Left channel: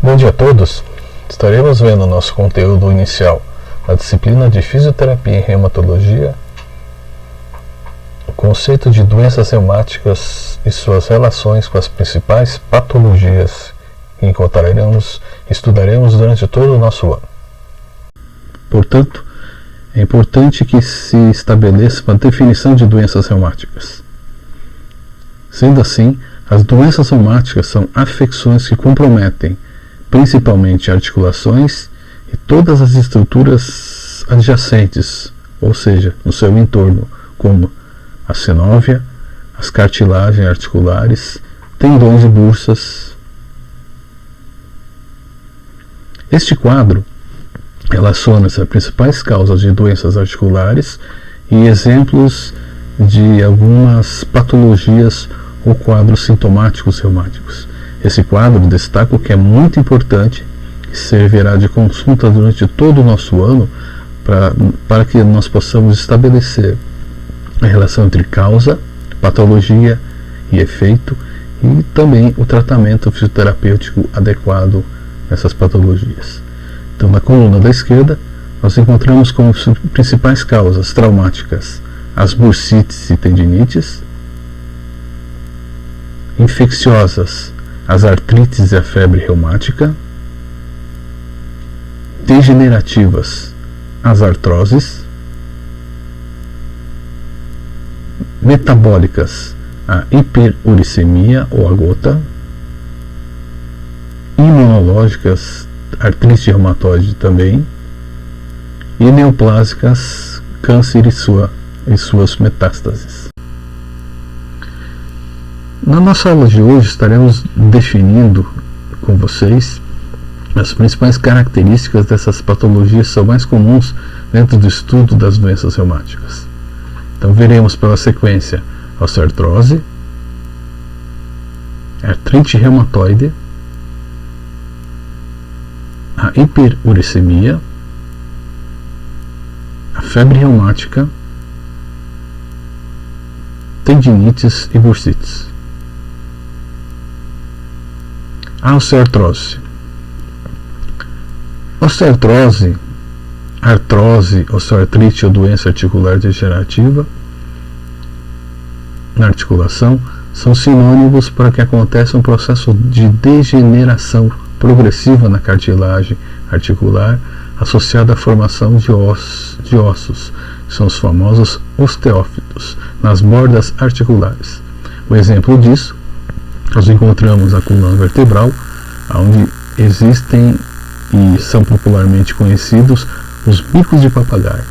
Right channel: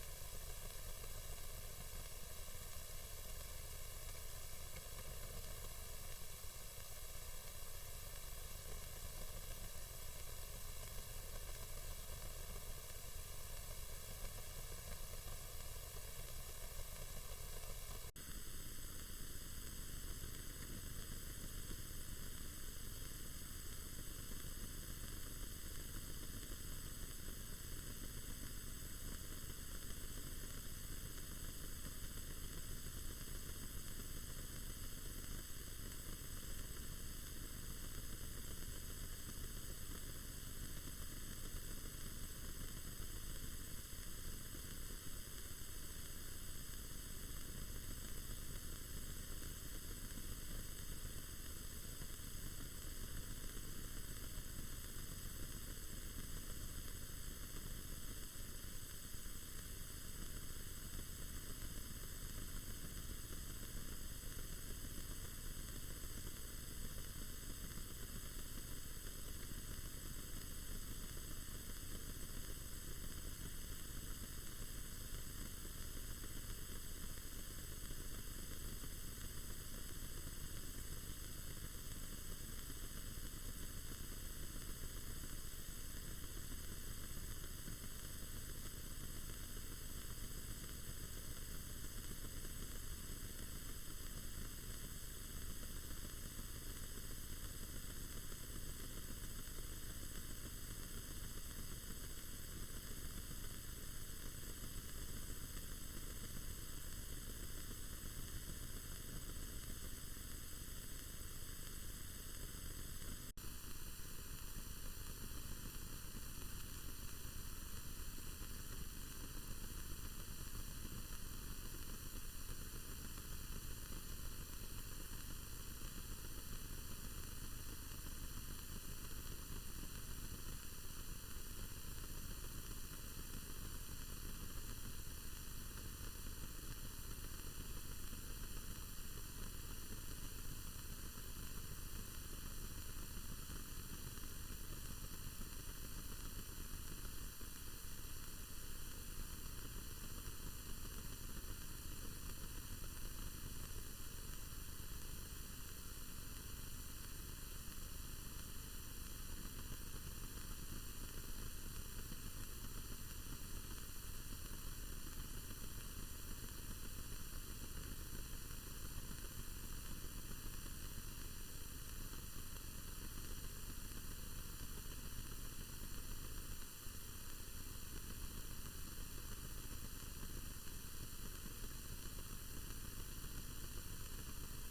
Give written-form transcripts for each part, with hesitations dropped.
Bom dia a todos! Estaremos vendo nosso conteúdo inicial na disciplina de Fisioterapia e Reumatologia, o conceito de doenças reumáticas e suas relações com as principais patologias que estudaremos durante todo o nosso ano. Portanto, é importante que se estabeleça uma definição de doenças reumáticas. Sendo assim, as doenças reumáticas são afecções que comprometem principalmente articulações e todas as estruturas adjacentes, ou seja, no seu entorno, como a sinóvia, as cartilagens articulares, tendões e bursas. Este quadro relaciona-se às principais causas de doenças articulares e exemplos de algumas patologias ou quadros sintomáticos reumáticos. Esse quadro destaca o que é muito importante e servirá de consulta durante todo o nosso ano para que nós possamos estabelecer a relação entre causa, patologia e efeito e também o tratamento fisioterapêutico adequado nessas patologias. Então, na coluna da esquerda, nós encontramos como principais causas traumáticas as bursites e tendinites, infecciosas as artrites e a febre reumática, degenerativas as artroses, metabólicas a hiperuricemia ou a gota, imunológicas artrite reumatoide também, e neoplásicas câncer e suas metástases. Na nossa aula de hoje estaremos definindo com vocês as principais características dessas patologias que são mais comuns dentro do estudo das doenças reumáticas. Então veremos pela sequência a osteoartrose, a artrite reumatoide, a hiperuricemia, a febre reumática, tendinites e bursites. A osteoartrose. Osteoartrose, artrose, osteoartrite ou doença articular degenerativa na articulação são sinônimos para que aconteça um processo de degeneração progressiva na cartilagem articular associada à formação de ossos, que são os famosos osteófitos, nas bordas articulares. O exemplo disso nós encontramos na coluna vertebral, onde existem e são popularmente conhecidos os bicos de papagaio,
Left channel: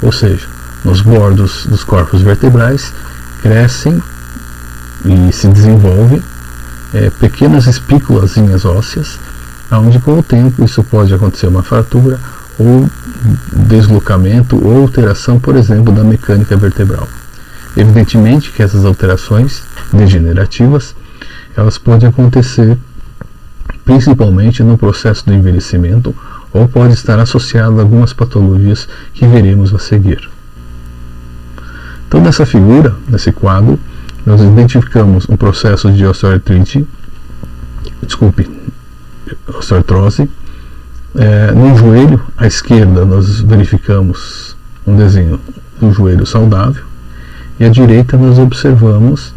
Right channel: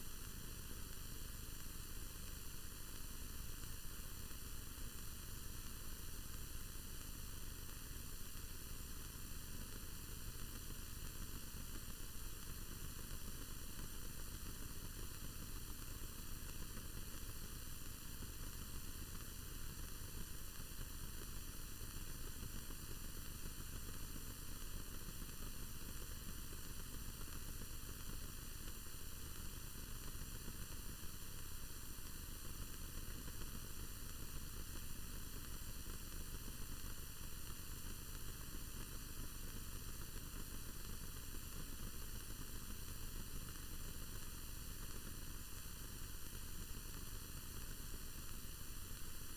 ou seja, nos bordos dos corpos vertebrais crescem e se desenvolvem pequenas espículazinhas ósseas, onde com o tempo isso pode acontecer uma fratura ou deslocamento ou alteração, por exemplo, da mecânica vertebral. Evidentemente que essas alterações degenerativas elas podem acontecer principalmente no processo do envelhecimento ou pode estar associado a algumas patologias que veremos a seguir. Então, nessa figura, nesse quadro, nós identificamos um processo de osteoartrose. No joelho à esquerda nós verificamos um desenho do joelho saudável e à direita nós observamos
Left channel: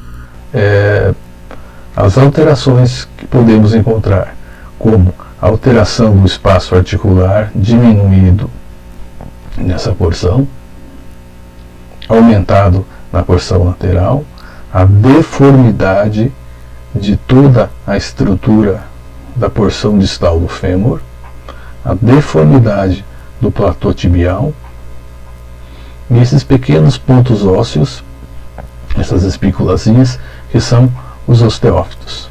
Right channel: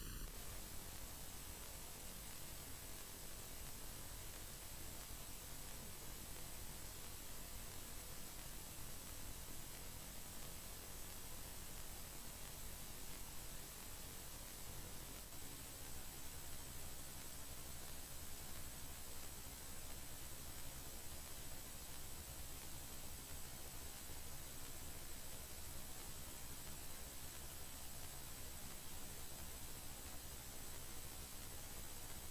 as alterações que podemos encontrar, como a alteração do espaço articular diminuído nessa porção, aumentado na porção lateral, a deformidade de toda a estrutura da porção distal do fêmur, a deformidade do platô tibial, e esses pequenos pontos ósseos, essas espículazinhas, que são os osteófitos.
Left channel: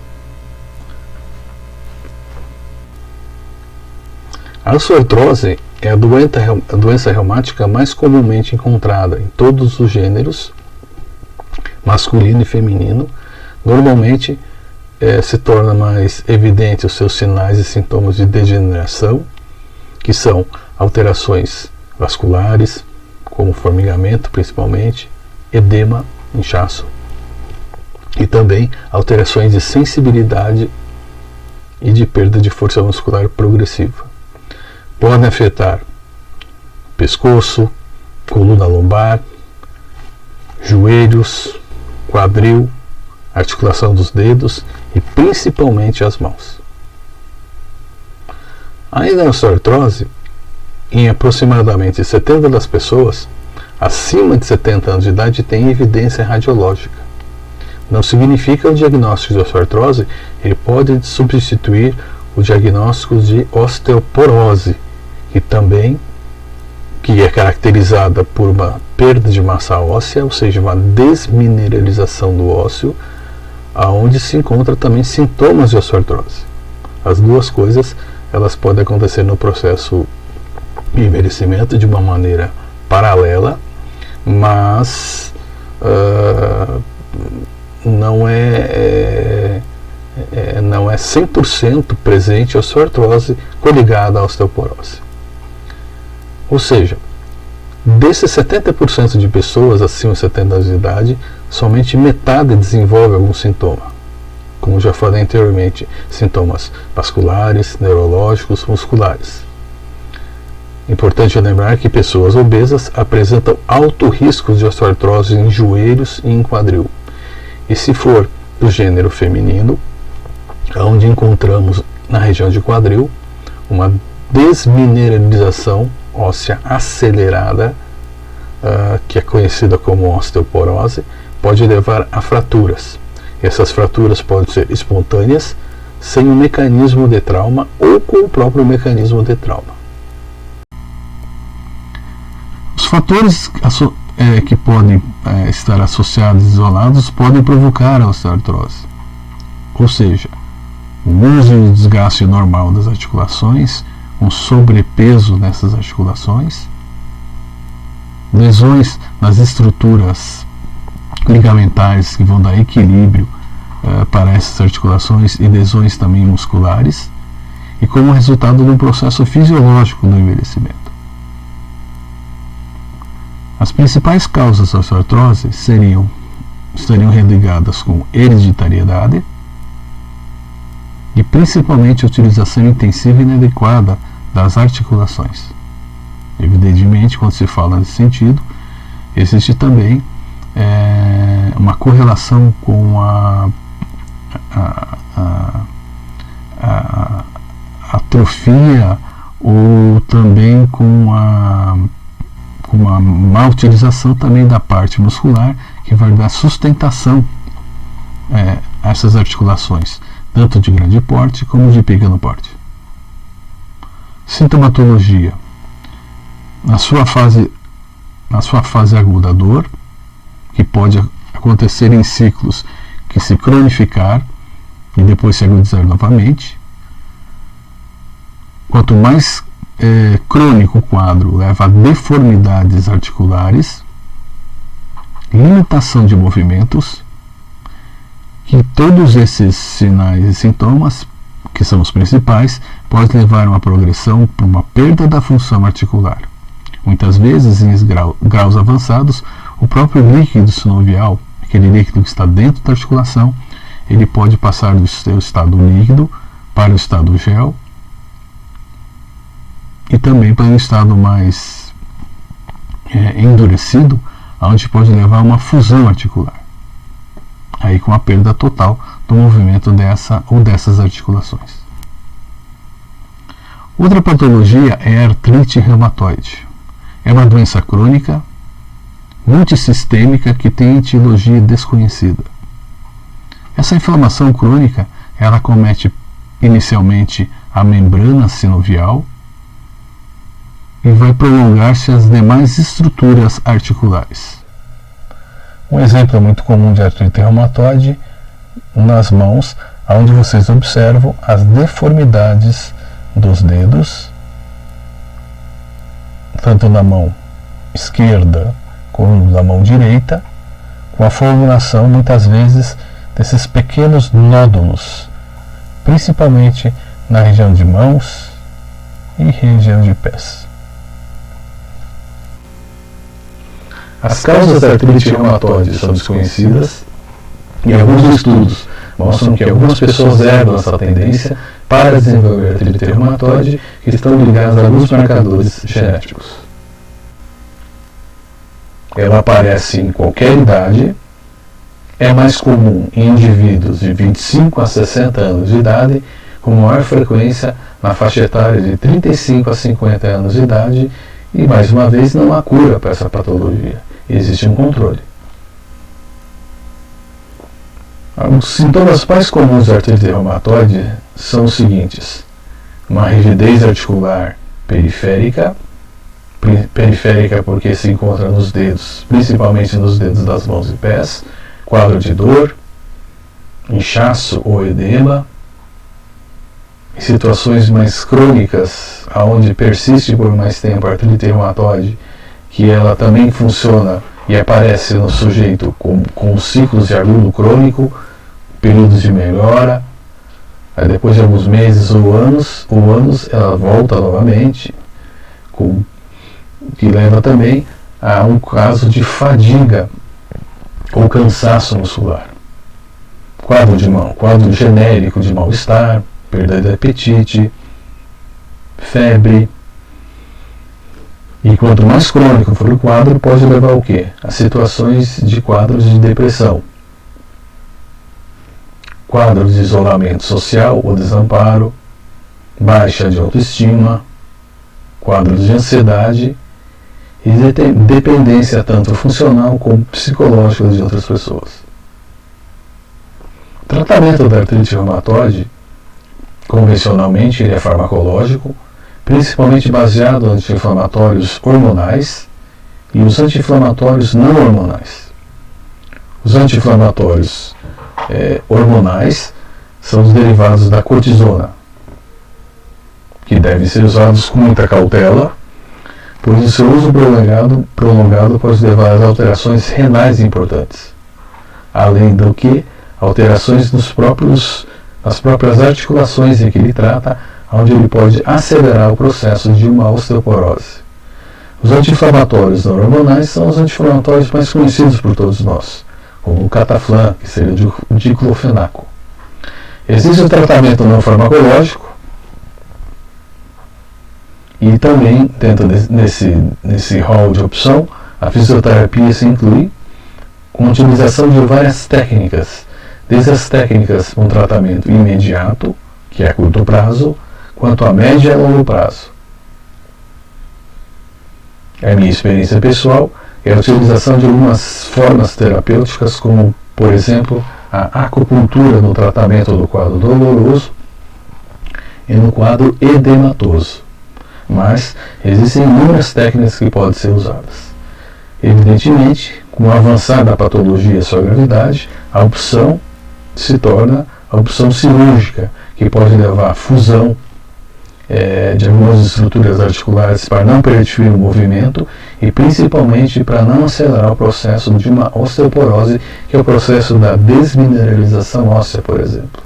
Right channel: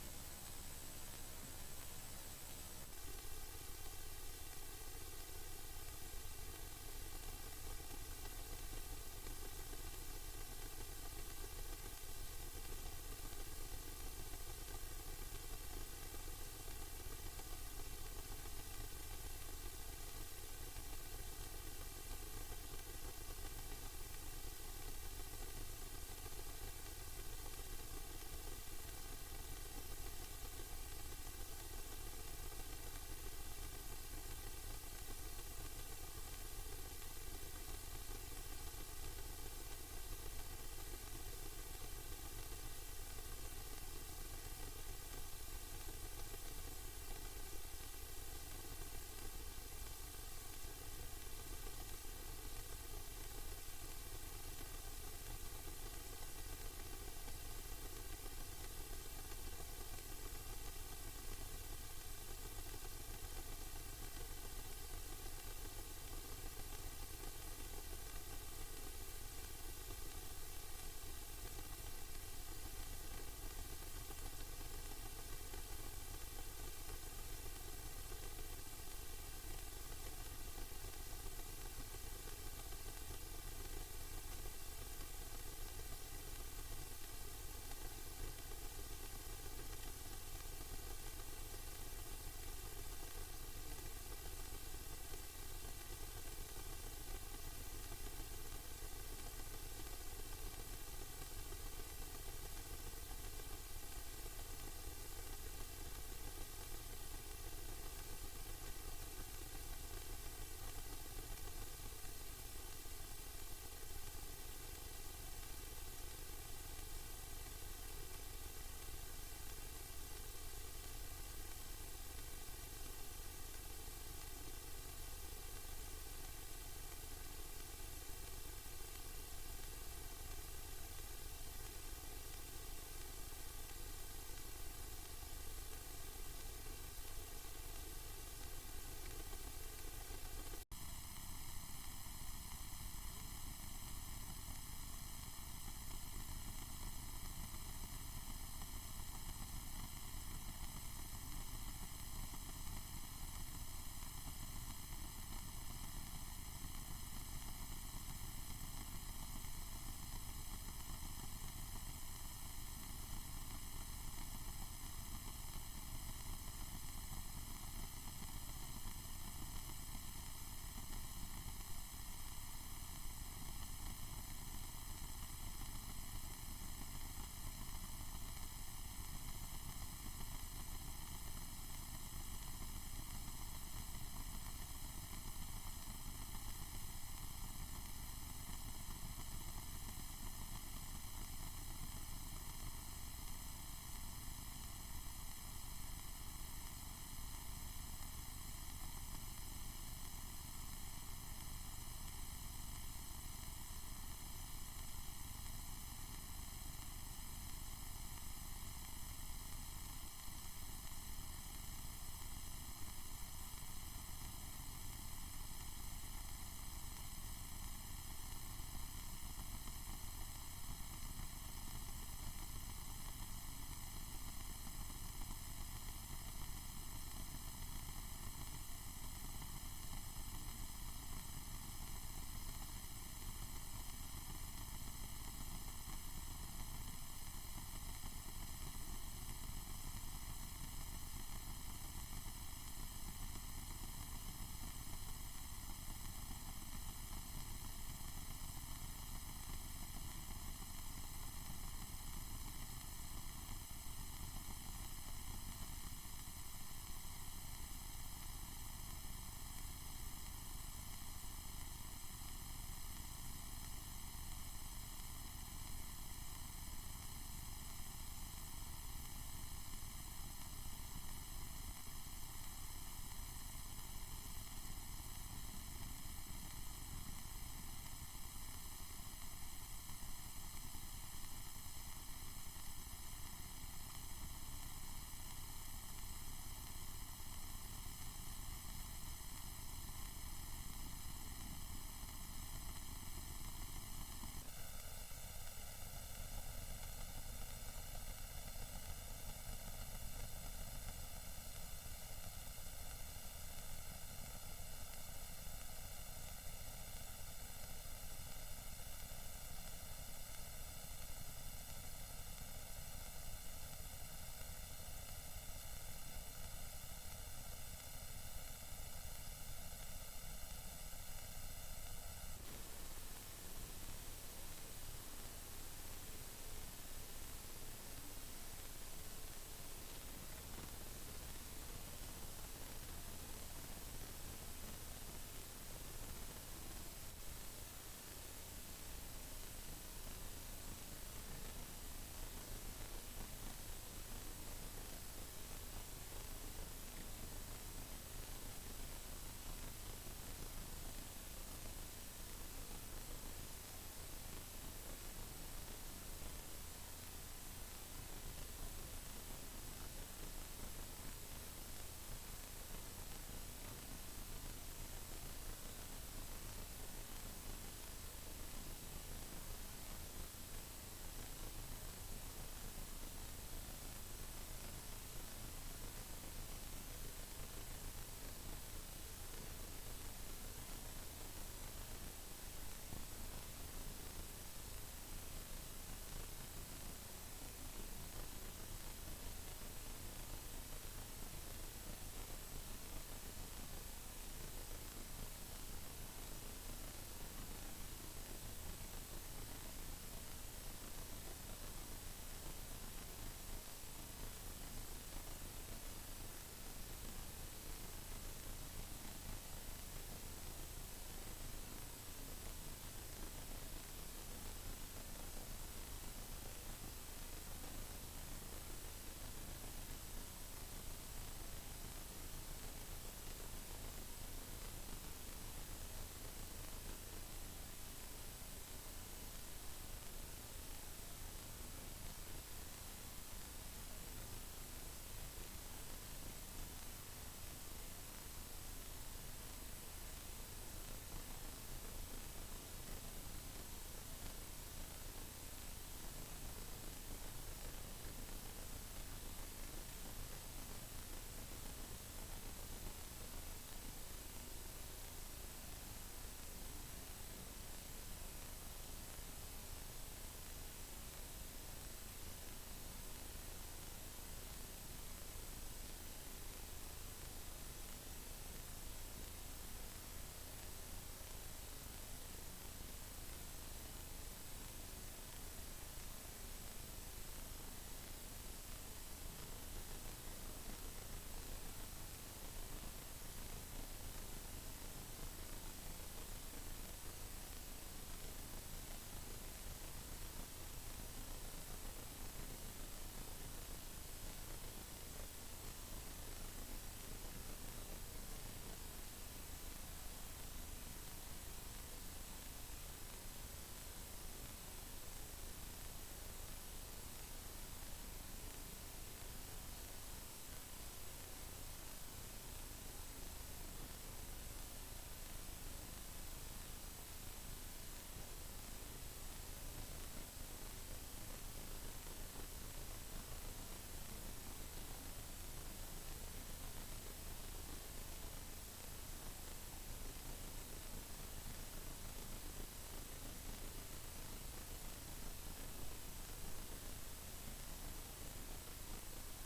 A osteoartrose é a doença reumática mais comumente encontrada em todos os gêneros, masculino e feminino. Normalmente se torna mais evidente os seus sinais e sintomas de degeneração, que são alterações vasculares, como formigamento principalmente, edema, inchaço, e também alterações de sensibilidade e de perda de força muscular progressiva. Podem afetar pescoço, coluna lombar, joelhos, quadril, articulação dos dedos e principalmente as mãos. Ainda na osteoartrose, em aproximadamente 70% das pessoas acima de 70 anos de idade tem evidência radiológica. Não significa o diagnóstico de osteoartrose, ele pode substituir o diagnóstico de osteoporose, que é caracterizada por uma perda de massa óssea, ou seja, uma desmineralização do ósseo, aonde se encontra também sintomas de osteoartrose. As duas coisas elas podem acontecer no processo de envelhecimento de uma maneira paralela, mas não é 100% presente a osteoartrose coligada à osteoporose. Ou seja, desses 70% de pessoas acima de 70 anos de idade, somente metade desenvolve algum sintoma. Como já falei anteriormente, sintomas vasculares, neurológicos, musculares. Importante lembrar que pessoas obesas apresentam alto risco de osteoartrose em joelhos e em quadril. E se for do gênero feminino, onde encontramos na região de quadril uma desmineralização óssea acelerada, que é conhecida como osteoporose, pode levar a fraturas. Essas fraturas podem ser espontâneas, sem um mecanismo de trauma ou com o próprio mecanismo de trauma. Os fatores que podem estar associados e isolados podem provocar a osteoartrose. Ou seja, o uso e o desgaste normal das articulações, um sobrepeso nessas articulações, lesões nas estruturas ligamentares que vão dar equilíbrio para essas articulações e lesões também musculares, e como resultado de um processo fisiológico do envelhecimento. As principais causas da osteoartrose estariam religadas com hereditariedade e principalmente a utilização intensiva e inadequada das articulações. Evidentemente, quando se fala nesse sentido, existe também uma correlação com a atrofia ou também com uma má utilização também da parte muscular, que vai dar sustentação a essas articulações, tanto de grande porte como de pequeno porte. Sintomatologia: na sua fase aguda, a dor, que pode acontecer em ciclos que se cronificar e depois se agudizar novamente. Quanto mais crônico o quadro, leva a deformidades articulares, limitação de movimentos, e todos esses sinais e sintomas, que são os principais, podem levar a uma progressão para uma perda da função articular. Muitas vezes, em graus avançados, o próprio líquido sinovial, aquele líquido que está dentro da articulação, ele pode passar do seu estado líquido para o estado gel e também para um estado mais endurecido, onde pode levar a uma fusão articular, aí com a perda total do movimento dessas articulações. Outra patologia é a artrite reumatoide. É uma doença crônica, multissistêmica, que tem etiologia desconhecida. Essa inflamação crônica, ela acomete inicialmente a membrana sinovial e vai prolongar-se às demais estruturas articulares. Um exemplo muito comum de artrite reumatoide nas mãos, onde vocês observam as deformidades dos dedos, tanto na mão esquerda como na mão direita, com a formulação muitas vezes desses pequenos nódulos, principalmente na região de mãos e região de pés. As causas da artrite reumatoide são desconhecidas e alguns estudos mostram que algumas pessoas herdam essa tendência para desenvolver artrite reumatoide que estão ligadas a alguns marcadores genéticos. Ela aparece em qualquer idade, é mais comum em indivíduos de 25 a 60 anos de idade, com maior frequência na faixa etária de 35 a 50 anos de idade, e mais uma vez não há cura para essa patologia, existe um controle. Os sintomas mais comuns da artrite reumatoide são os seguintes: uma rigidez articular periférica porque se encontra nos dedos, principalmente nos dedos das mãos e pés, quadro de dor, inchaço ou edema. Em situações mais crônicas, onde persiste por mais tempo a artrite reumatoide, que ela também funciona e aparece no sujeito com ciclos de agudo crônico, períodos de melhora, aí depois de alguns meses ou anos ela volta novamente, que leva também a um caso de fadiga ou cansaço muscular. Quadro genérico de mal-estar, perda de apetite, febre. E quanto mais crônico for o quadro, pode levar ao quê? A situações de quadros de depressão, quadros de isolamento social ou desamparo, baixa de autoestima, quadros de ansiedade e dependência tanto funcional como psicológica de outras pessoas. O tratamento da artrite reumatoide, convencionalmente, ele é farmacológico, principalmente baseado em anti-inflamatórios hormonais e os anti-inflamatórios não hormonais. Os anti-inflamatórios hormonais são os derivados da cortisona, que devem ser usados com muita cautela, pois o seu uso prolongado pode levar a alterações renais importantes, além do que alterações nas próprias articulações em que ele trata, onde ele pode acelerar o processo de uma osteoporose. Os anti-inflamatórios não hormonais são os anti-inflamatórios mais conhecidos por todos nós, como o Cataflam, que seria o diclofenaco. Existe o tratamento não farmacológico, e também, dentro nesse hall de opção, a fisioterapia se inclui com a utilização de várias técnicas, desde as técnicas com tratamento imediato, que é a curto prazo, quanto a médio e a longo prazo. A minha experiência pessoal é a utilização de algumas formas terapêuticas, como, por exemplo, a acupuntura no tratamento do quadro doloroso e no quadro edematoso. Mas existem inúmeras técnicas que podem ser usadas. Evidentemente, com o avançar da patologia e sua gravidade, a opção se torna a opção cirúrgica, que pode levar à fusão de algumas estruturas articulares para não permitir o movimento e principalmente para não acelerar o processo de uma osteoporose, que é o processo da desmineralização óssea, por exemplo.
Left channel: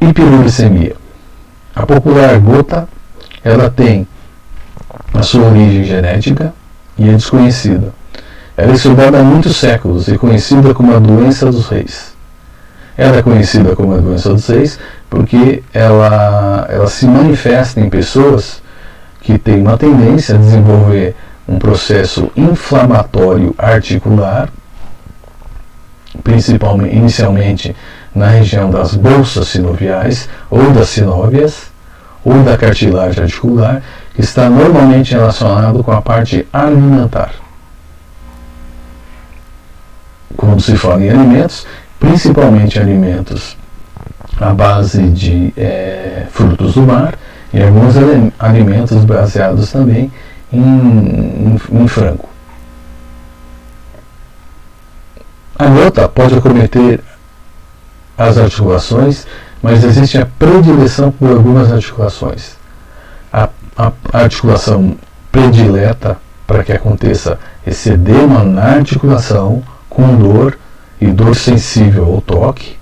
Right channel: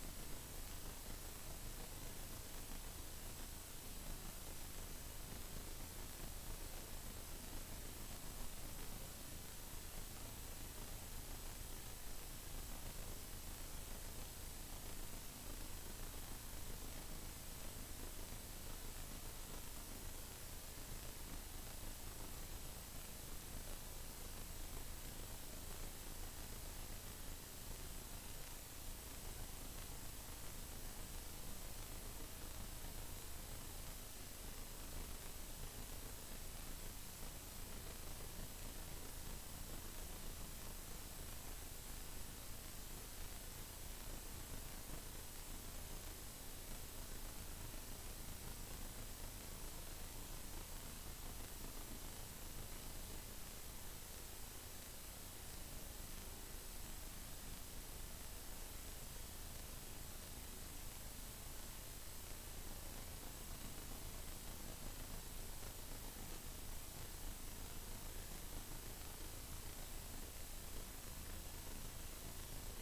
Hiperuricemia. A popular gota, ela tem a sua origem genética e é desconhecida. Ela é estudada há muitos séculos e conhecida como a doença dos reis. Ela é conhecida como a doença dos reis porque ela se manifesta em pessoas que têm uma tendência a desenvolver um processo inflamatório articular, principalmente, inicialmente, na região das bolsas sinoviais ou das sinóvias ou da cartilagem articular, que está normalmente relacionado com a parte alimentar. Quando se fala em alimentos, principalmente alimentos à base de frutos do mar e alguns alimentos baseados também em frango. A gota pode acometer as articulações, mas existe a predileção por algumas articulações. A articulação predileta para que aconteça esse edema na articulação com dor e dor sensível ao toque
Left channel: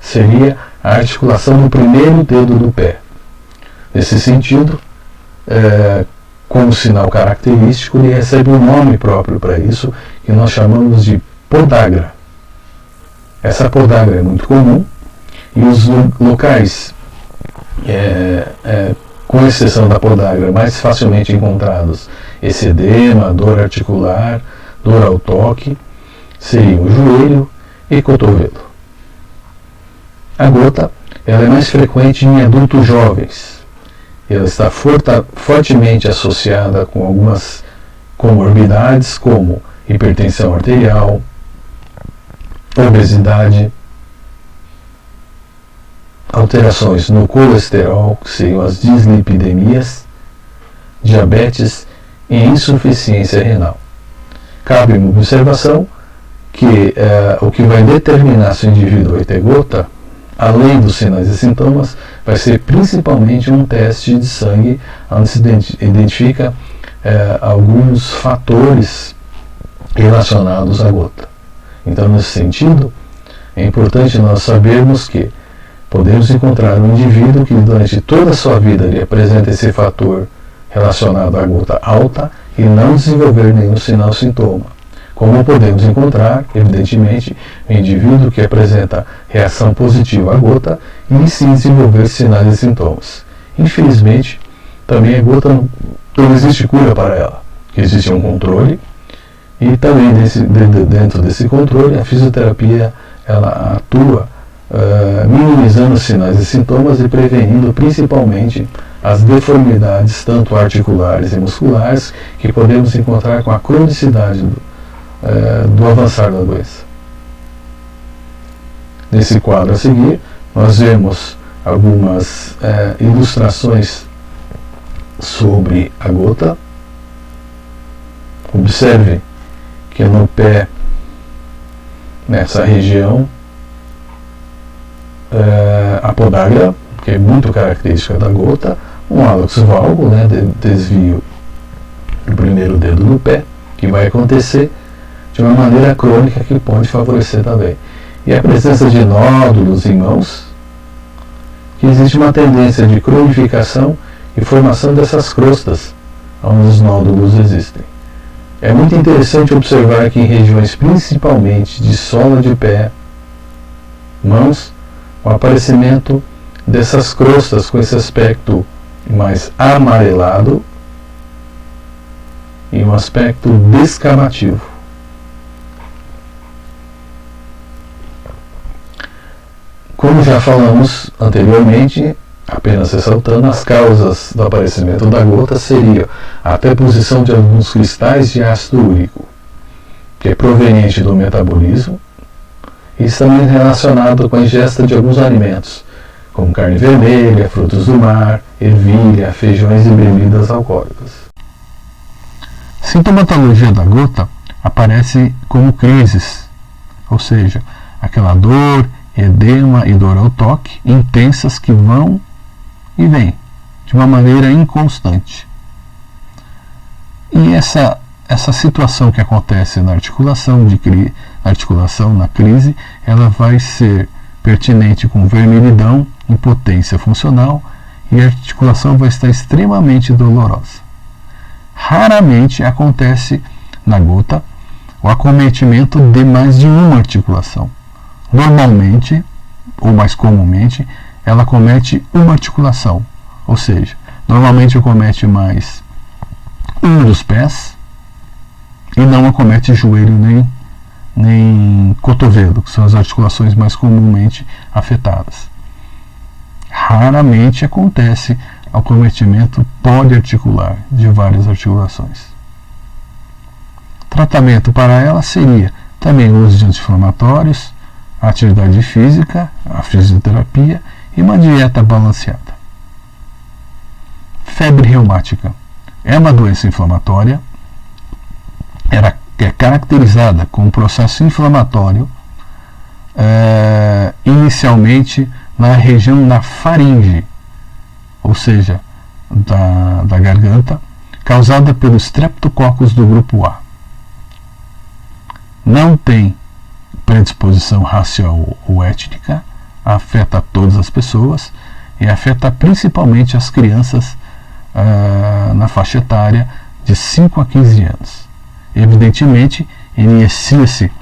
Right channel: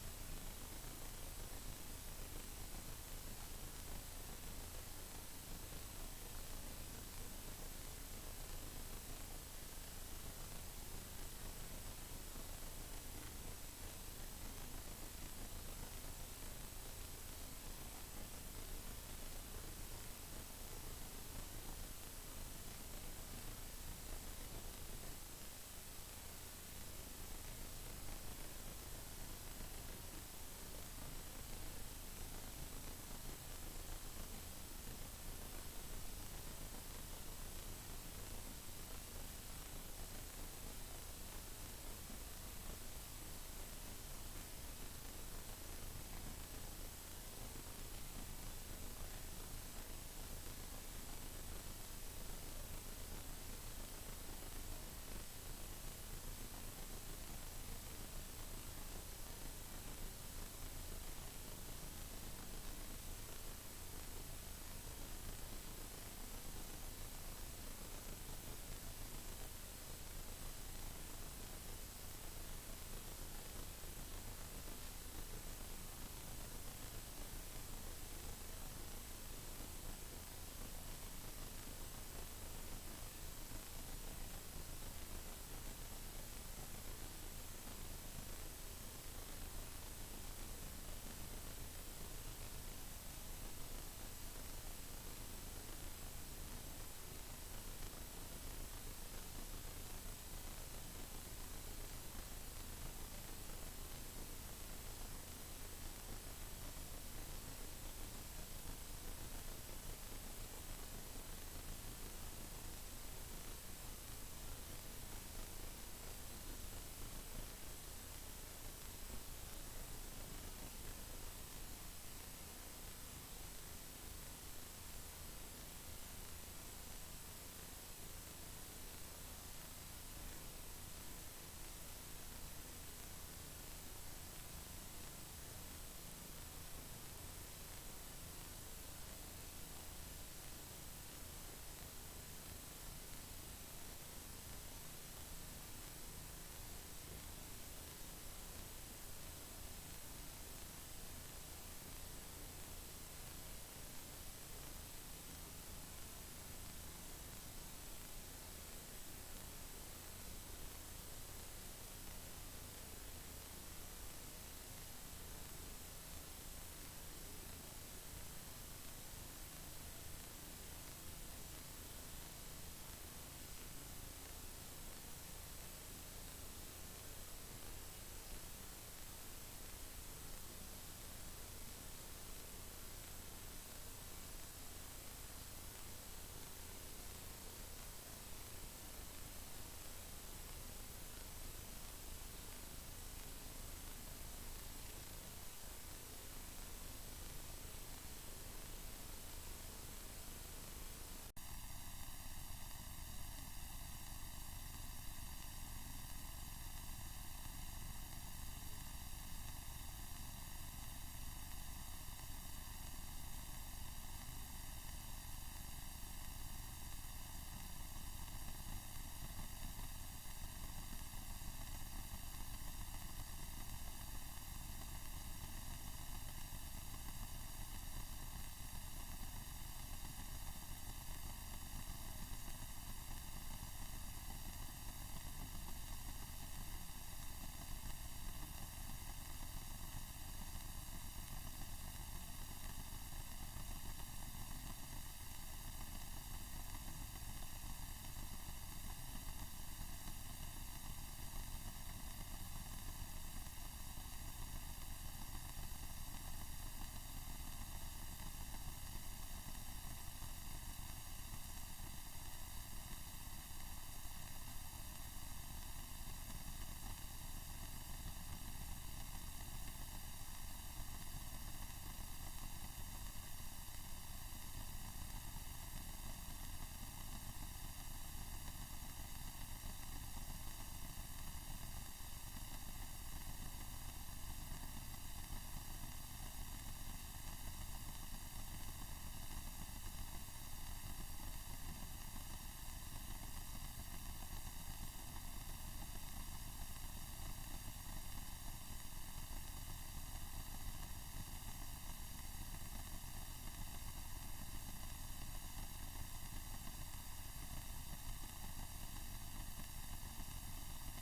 seria a articulação do primeiro dedo do pé. Nesse sentido, como sinal característico, ele recebe um nome próprio para isso, que nós chamamos de podagra. Essa podagra é muito comum e os locais, com exceção da podagra, mais facilmente encontrados esse edema, dor articular, dor ao toque, seriam o joelho e cotovelo. A gota ela é mais frequente em adultos jovens. Ela está fortemente associada com algumas comorbidades como hipertensão arterial, obesidade, alterações no colesterol, que seriam as dislipidemias, diabetes e insuficiência renal. Cabe uma observação que o que vai determinar se o indivíduo vai ter gota, além dos sinais e sintomas, vai ser principalmente um teste de sangue, onde se identifica alguns fatores relacionados à gota. Então, nesse sentido, é importante nós sabermos que podemos encontrar um indivíduo que durante toda a sua vida ele apresenta esse fator relacionado à gota alta e não desenvolver nenhum sinal ou sintoma. Como podemos encontrar, evidentemente, um indivíduo que apresenta reação positiva à gota e sim desenvolver sinais e sintomas. Infelizmente, também a gota não existe cura para ela. Existe um controle e também dentro desse controle a fisioterapia ela atua minimizando os sinais e sintomas e prevenindo principalmente as deformidades tanto articulares e musculares que podemos encontrar com a cronicidade do avançar da doença. Nesse quadro a seguir, nós vemos algumas ilustrações sobre a gota. Observe que no pé, nessa região, a podagra, que é muito característica da gota, um hálux valgo, desvio do primeiro dedo do pé, que vai acontecer de uma maneira crônica que pode favorecer também. E a presença de nódulos em mãos, que existe uma tendência de cronificação e formação dessas crostas, onde os nódulos existem. É muito interessante observar que em regiões principalmente de sola de pé, mãos, o aparecimento dessas crostas com esse aspecto mais amarelado e um aspecto descamativo. Como já falamos anteriormente, apenas ressaltando, as causas do aparecimento da gota seriam a deposição de alguns cristais de ácido úrico, que é proveniente do metabolismo, e está também relacionado com a ingesta de alguns alimentos, como carne vermelha, frutos do mar, ervilha, feijões e bebidas alcoólicas. Sintomatologia da gota aparece como crises, ou seja, aquela dor, edema e dor ao toque intensas que vão e vêm de uma maneira inconstante. E essa situação que acontece na articulação, na crise, ela vai ser pertinente com vermelhidão, impotência funcional e a articulação vai estar extremamente dolorosa. Raramente acontece na gota o acometimento de mais de uma articulação. Normalmente, ou mais comumente, ela acomete uma articulação, ou seja, normalmente acomete mais um dos pés e não acomete joelho nem cotovelo, que são as articulações mais comumente afetadas. Raramente acontece acometimento poliarticular de várias articulações. Tratamento para ela seria também o uso de anti-inflamatórios, a atividade física, a fisioterapia e uma dieta balanceada. Febre reumática é uma doença inflamatória, é caracterizada com um processo inflamatório inicialmente na região da faringe, ou seja, da garganta, causada pelos streptococcus do grupo A. Não tem predisposição racial ou étnica, afeta todas as pessoas e afeta principalmente as crianças na faixa etária de 5 a 15 anos. Evidentemente, inicia-se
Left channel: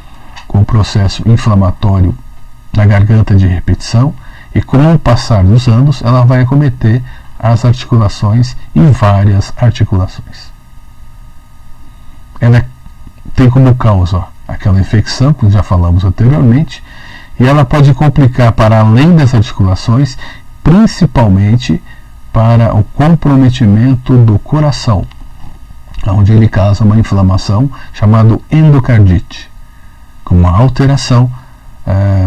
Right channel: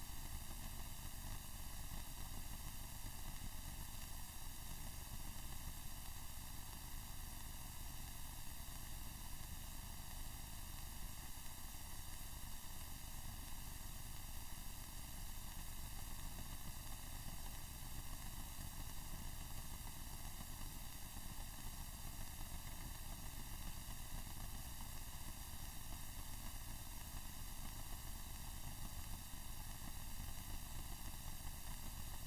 com o processo inflamatório na garganta de repetição, e com o passar dos anos ela vai acometer as articulações e várias articulações. Ela tem como causa aquela infecção que já falamos anteriormente, e ela pode complicar para além das articulações, principalmente para o comprometimento do coração, onde ele causa uma inflamação chamada endocardite, com uma alteração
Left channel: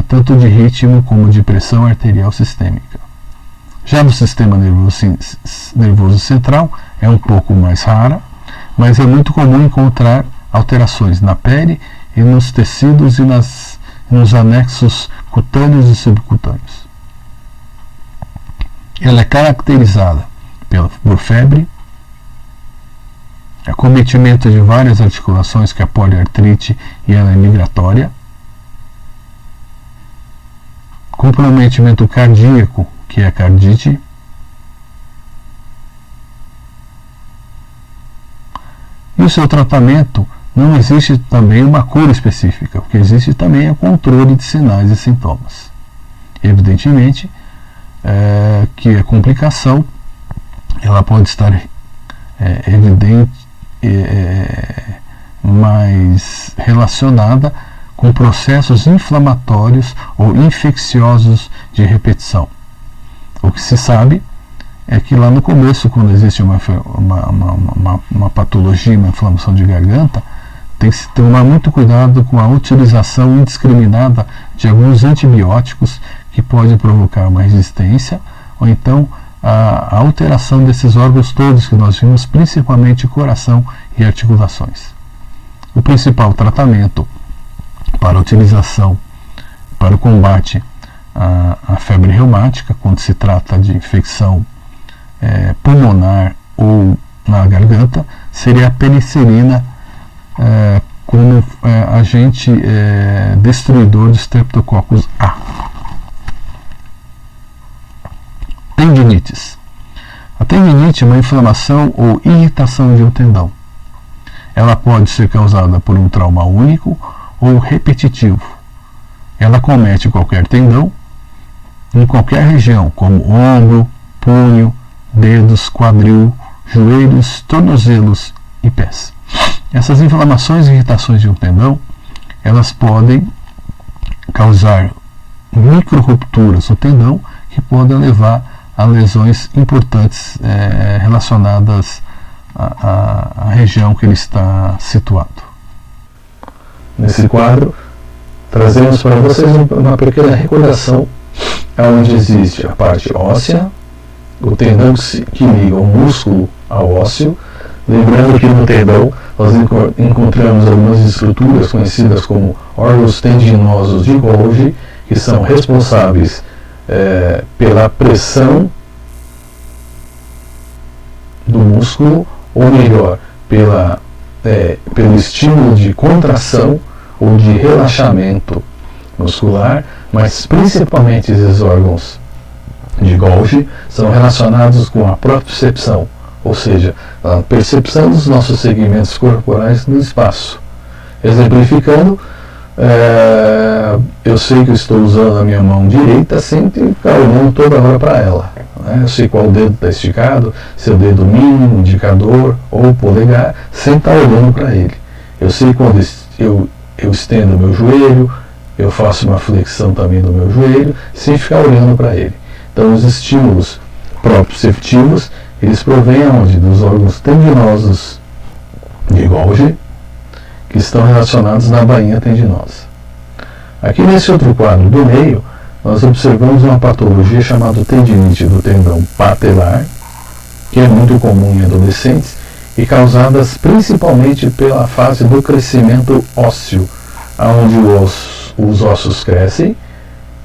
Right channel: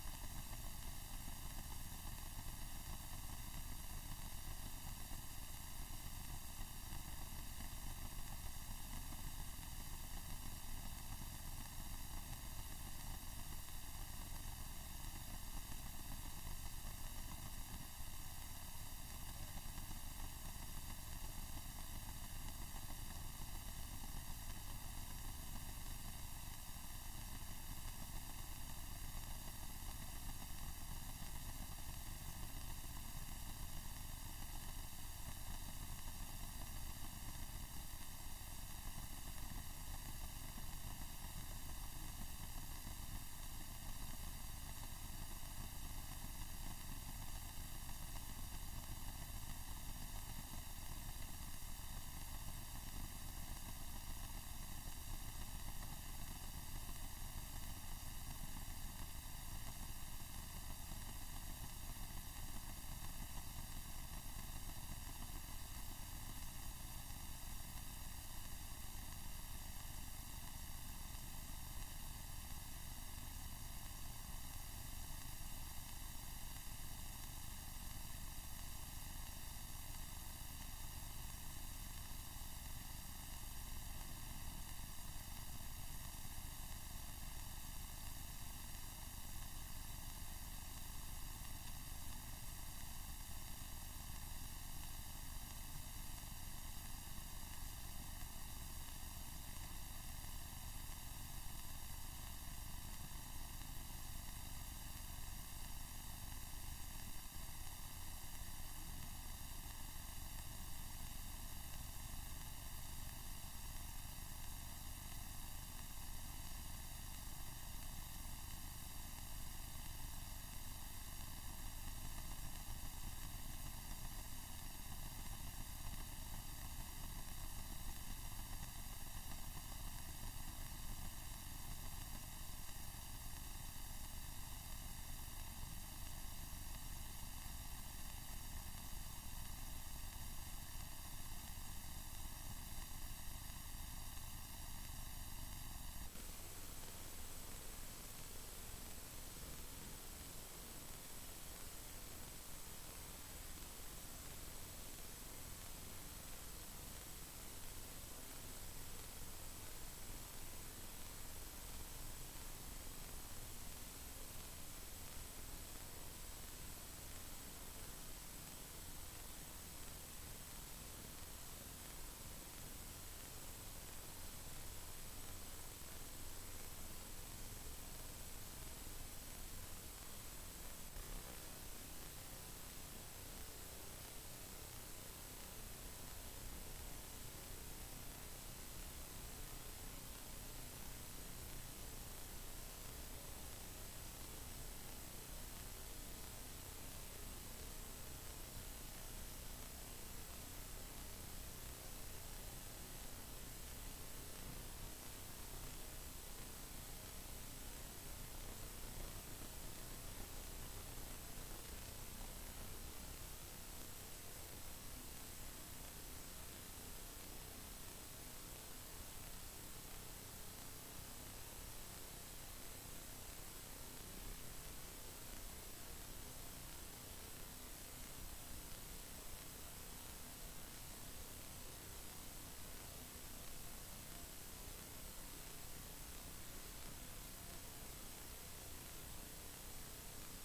tanto de ritmo como de pressão arterial sistêmica. Já no sistema nervoso central é um pouco mais rara, mas é muito comum encontrar alterações na pele e nos tecidos e nos anexos cutâneos e subcutâneos. Ela é caracterizada por febre, acometimento de várias articulações, que é a poliartrite, e ela é migratória, comprometimento cardíaco, que é a cardite, e o seu tratamento não existe também uma cura específica, o que existe também é o controle de sinais e sintomas. Evidentemente que a complicação ela pode estar evidente, mais relacionada com processos inflamatórios ou infecciosos de repetição. O que se sabe é que lá no começo, quando existe uma patologia, uma inflamação de garganta, tem que se tomar muito cuidado com a utilização indiscriminada de alguns antibióticos que pode provocar uma resistência, ou então a alteração desses órgãos todos que nós vimos, principalmente coração e articulações. O principal tratamento para a utilização, para o combate à febre reumática, quando se trata de infecção pulmonar ou na garganta, seria a penicilina como agente destruidor de Streptococcus A. Tendinites. A tendinite é uma inflamação ou irritação de um tendão. Ela pode ser causada por um trauma único ou repetitivo. Ela acomete qualquer tendão em qualquer região, como ombro, punho, dedos, quadril, joelhos, tornozelos e pés. Essas inflamações e irritações de um tendão, elas podem causar micro-rupturas no tendão, que podem levar a lesões importantes relacionadas à região que ele está situado. Nesse quadro, trazemos para vocês uma pequena recordação onde existe a parte óssea, o tendão que liga o músculo ao ósseo. Lembrando que no tendão nós encontramos algumas estruturas conhecidas como órgãos tendinosos de Golgi, que são responsáveis pela pressão do músculo, ou melhor, pelo estímulo de contração ou de relaxamento muscular, mas principalmente esses órgãos de Golgi são relacionados com a propriocepção, ou seja, a percepção dos nossos segmentos corporais no espaço. Exemplificando, eu sei que eu estou usando a minha mão direita sem ficar olhando toda hora para ela. Eu sei qual dedo está esticado, se é o dedo mínimo, indicador ou polegar, sem estar olhando para ele. Eu sei quando eu estendo o meu joelho, eu faço uma flexão também do meu joelho, sem ficar olhando para ele. Então, os estímulos proprioceptivos, eles provêm aonde? Dos órgãos tendinosos de Golgi, que estão relacionados na bainha tendinosa. Aqui nesse outro quadro do meio, nós observamos uma patologia chamada tendinite do tendão patelar, que é muito comum em adolescentes e causadas principalmente pela fase do crescimento ósseo, onde os ossos crescem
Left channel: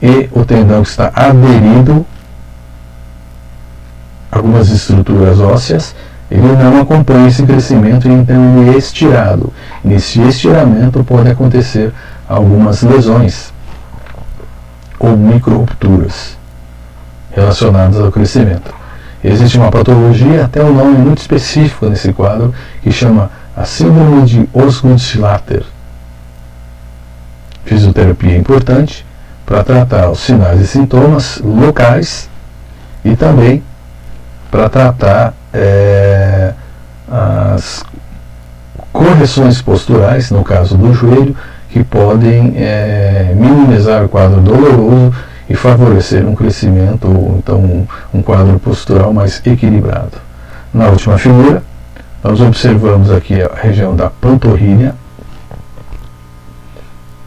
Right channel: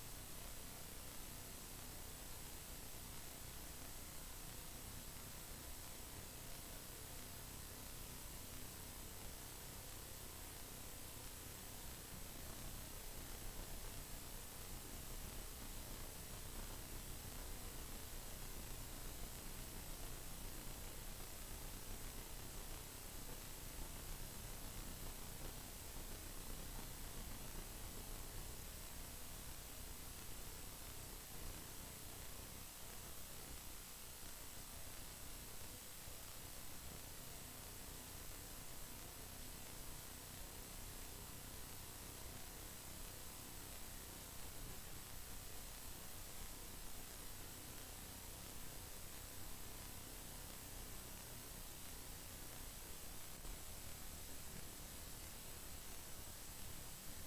e o tendão está aderido a algumas estruturas ósseas, ele não acompanha esse crescimento e então ele é estirado. Nesse estiramento pode acontecer algumas lesões ou micro-rupturas relacionadas ao crescimento. Existe uma patologia, até um nome muito específico nesse quadro, que chama a síndrome de Osgood-Schlatter. Fisioterapia é importante, para tratar os sinais e sintomas locais e também para tratar as correções posturais, no caso do joelho, que podem minimizar o quadro doloroso e favorecer um crescimento, ou então um quadro postural mais equilibrado. Na última figura, nós observamos aqui a região da panturrilha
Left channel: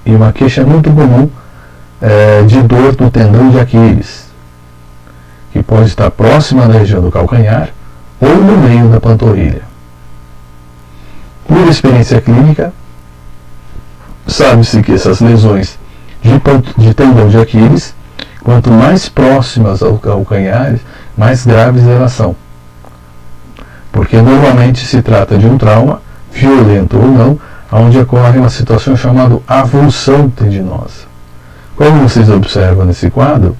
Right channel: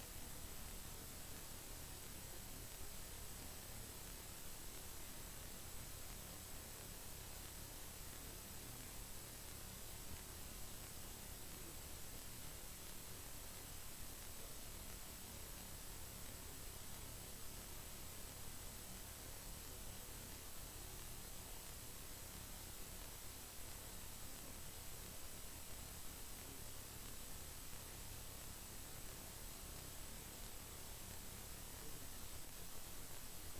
e uma queixa muito comum de dor no tendão de Aquiles, que pode estar próxima da região do calcanhar ou no meio da panturrilha. Por experiência clínica, sabe-se que essas lesões de tendão de Aquiles, quanto mais próximas ao calcanhar, mais graves elas são. Porque normalmente se trata de um trauma, violento ou não, onde ocorre uma situação chamada avulsão tendinosa. Como vocês observam nesse quadro,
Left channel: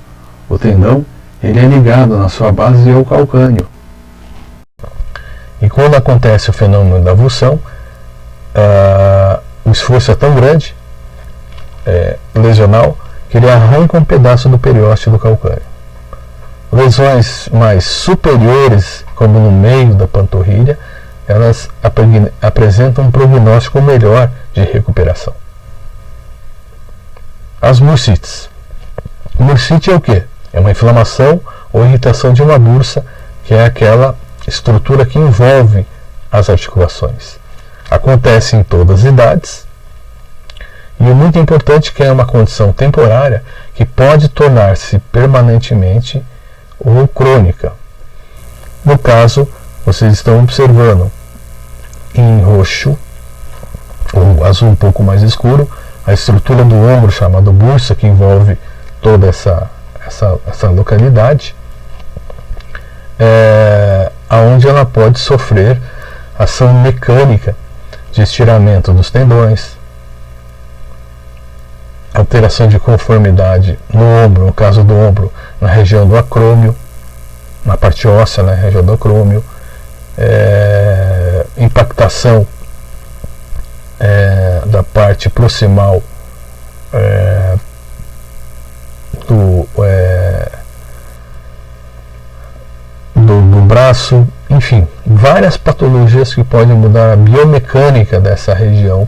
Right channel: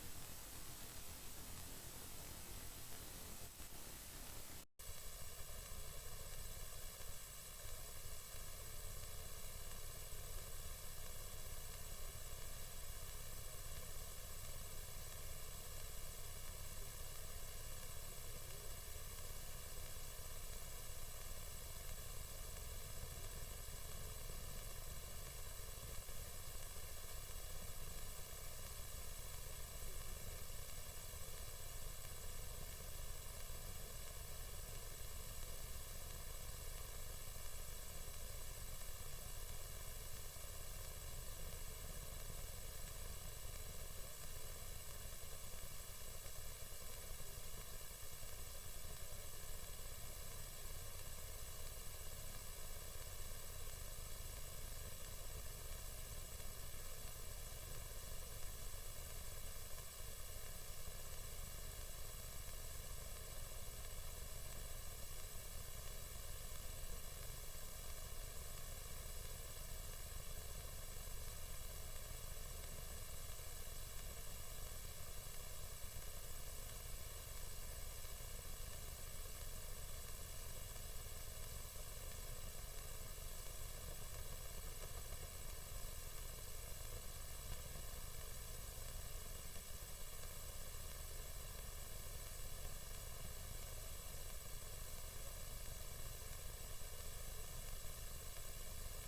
o tendão ele é ligado na sua base ao calcânio. E quando acontece o fenômeno da avulsão, o esforço é tão grande, lesional, que ele arranca um pedaço do periósteo do calcânio. Lesões mais superiores, como no meio da panturrilha, elas apresentam um prognóstico melhor de recuperação. As bursites. Bursite é o quê? É uma inflamação ou irritação de uma bursa, que é aquela estrutura que envolve as articulações. Acontece em todas as idades, e o muito importante é que é uma condição temporária que pode tornar-se permanentemente ou crônica. No caso, vocês estão observando em roxo ou azul um pouco mais escuro a estrutura do ombro chamada bursa, que envolve toda essa localidade, aonde ela pode sofrer ação mecânica de estiramento dos tendões, alteração de conformidade no ombro, no caso do ombro, na região do acrômio, na parte óssea, na região do acrômio, impactação da parte proximal do braço, enfim, várias patologias que podem mudar a biomecânica dessa região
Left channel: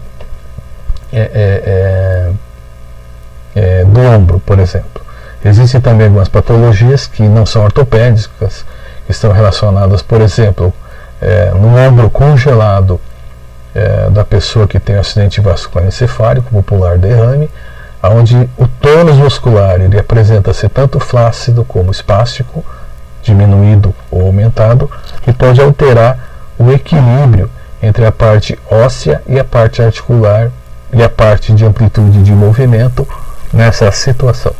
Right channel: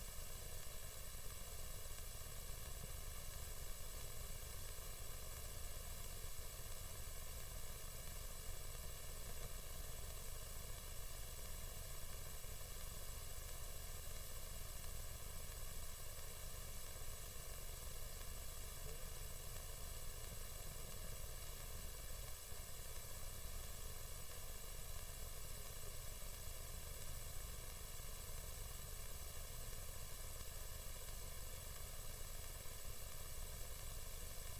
do ombro, por exemplo. Existem também algumas patologias que não são ortopédicas, que estão relacionadas, por exemplo, no ombro congelado da pessoa que tem acidente vascular encefálico, popular derrame, onde o tônus muscular ele apresenta-se tanto flácido como espástico, diminuído ou aumentado, e pode alterar o equilíbrio entre a parte óssea e a parte articular e a parte de amplitude de movimento nessa situação.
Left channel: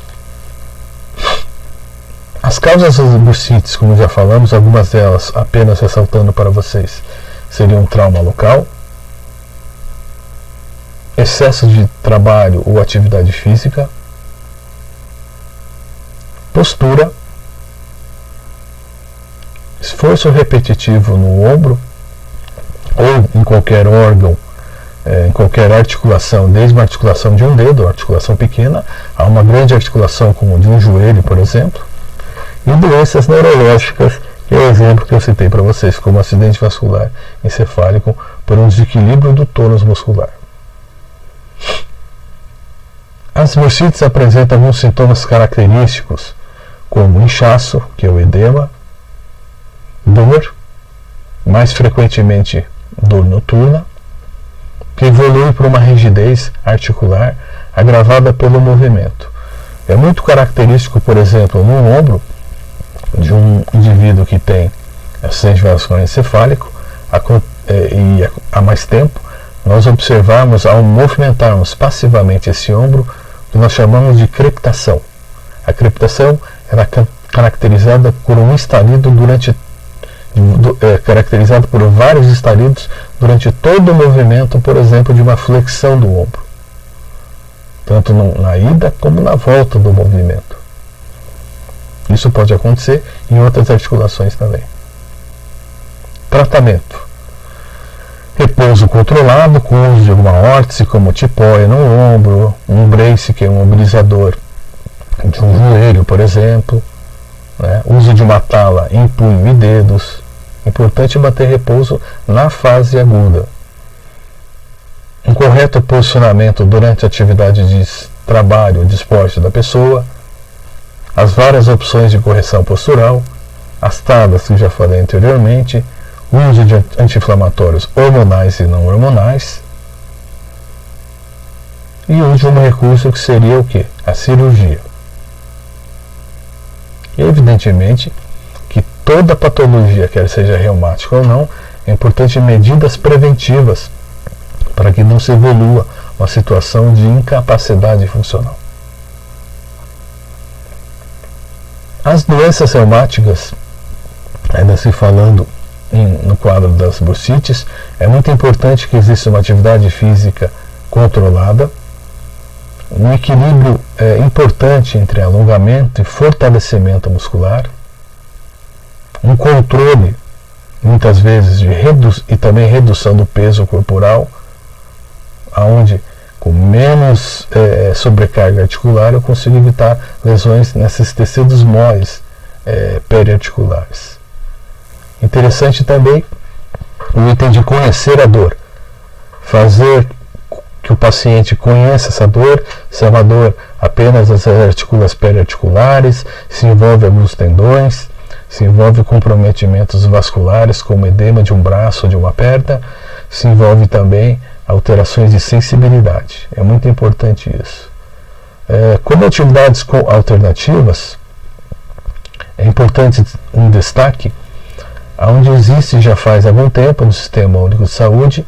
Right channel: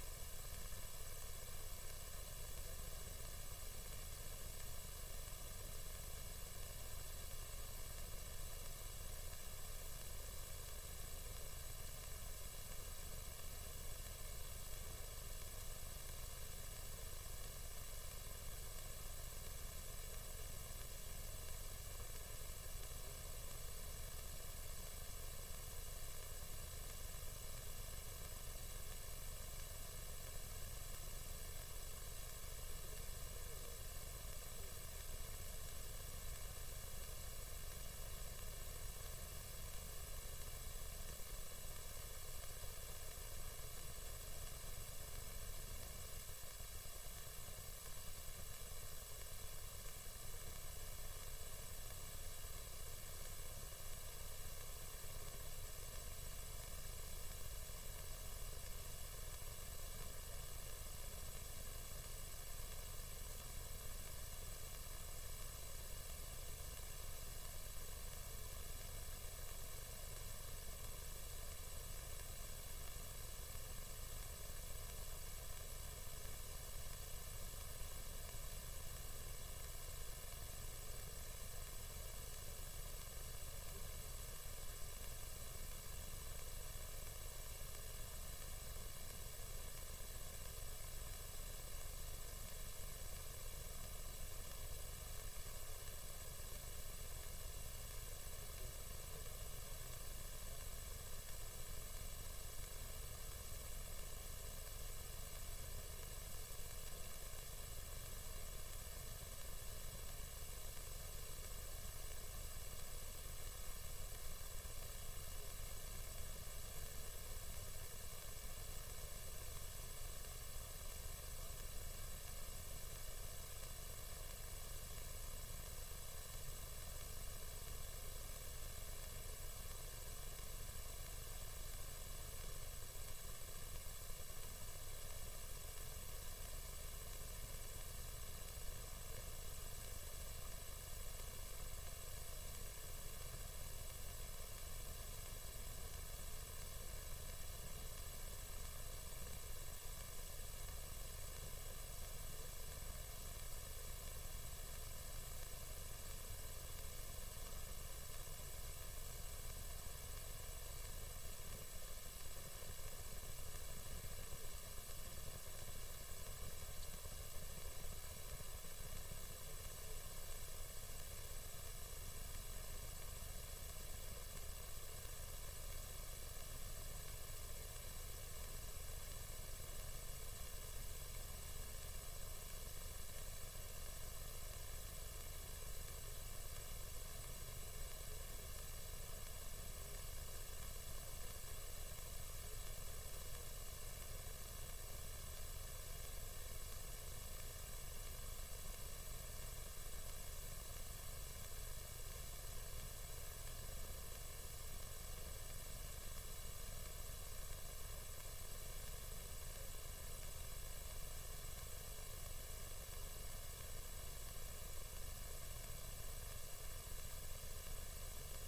As causas das bursites, como já falamos, algumas delas, apenas ressaltando para vocês, seriam trauma local, excesso de trabalho ou atividade física, postura, esforço repetitivo no ombro ou em qualquer órgão, em qualquer articulação, desde uma articulação de um dedo, articulação pequena, a uma grande articulação como de um joelho, por exemplo, e doenças neurológicas, que é o exemplo que eu citei para vocês, como acidente vascular encefálico por um desequilíbrio do tônus muscular. As bursites apresentam alguns sintomas característicos, como inchaço, que é o edema, dor, mais frequentemente dor noturna, que evolui para uma rigidez articular agravada pelo movimento. É muito característico, por exemplo, no ombro de um indivíduo que tem acidente vascular encefálico e há mais tempo, nós observamos ao movimentarmos passivamente esse ombro, que nós chamamos de crepitação. A crepitação era caracterizada por um estalido caracterizado por vários estalidos durante todo o movimento, por exemplo, de uma flexão do ombro, tanto na ida como na volta do movimento. Isso pode acontecer em outras articulações também. Tratamento: repouso controlado com uso de alguma órtese, como tipóia no ombro, um brace, que é um mobilizador de um joelho, por exemplo, né? Uso de uma tala em punho e dedos. Importante manter repouso na fase aguda. Um correto posicionamento durante a atividade de trabalho, de esporte da pessoa. As várias opções de correção postural. As talas que já falei anteriormente. O uso de anti-inflamatórios hormonais e não hormonais. E o último recurso que seria o quê? A cirurgia. E evidentemente que toda patologia, quer seja reumática ou não, é importante medidas preventivas para que não se evolua uma situação de incapacidade funcional. As doenças reumáticas, ainda se falando no quadro das bursites, é muito importante que exista uma atividade física controlada, um equilíbrio importante entre alongamento e fortalecimento muscular, um controle, muitas vezes, e também redução do peso corporal, onde com menos sobrecarga articular eu consigo evitar lesões nesses tecidos moles periarticulares. Interessante também o item de conhecer a dor, fazer que o paciente conheça essa dor, se é uma dor apenas das artículas periarticulares, se envolve alguns tendões, se envolve comprometimentos vasculares, como edema de um braço ou de uma perna, se envolve também alterações de sensibilidade. É muito importante isso. Como atividades alternativas, é importante um destaque, onde existe já faz algum tempo no Sistema Único de Saúde,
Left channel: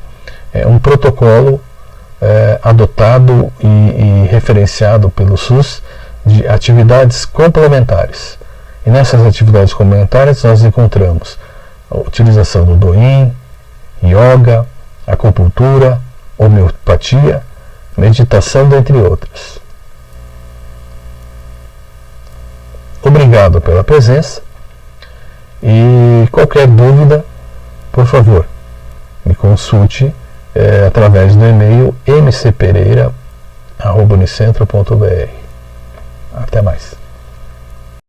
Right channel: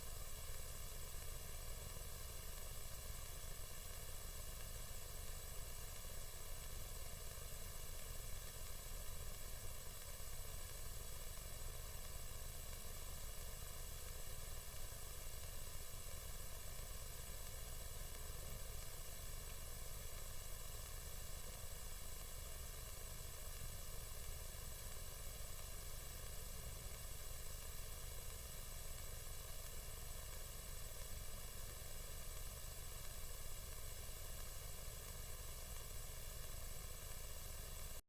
um protocolo adotado e referenciado pelo SUS de atividades complementares. E nessas atividades complementares nós encontramos a utilização do Doin, yoga, acupuntura, homeopatia, meditação, dentre outras. Obrigado pela presença e qualquer dúvida, por favor, me consulte através do e-mail mcpereira@unicentro.br. Até mais.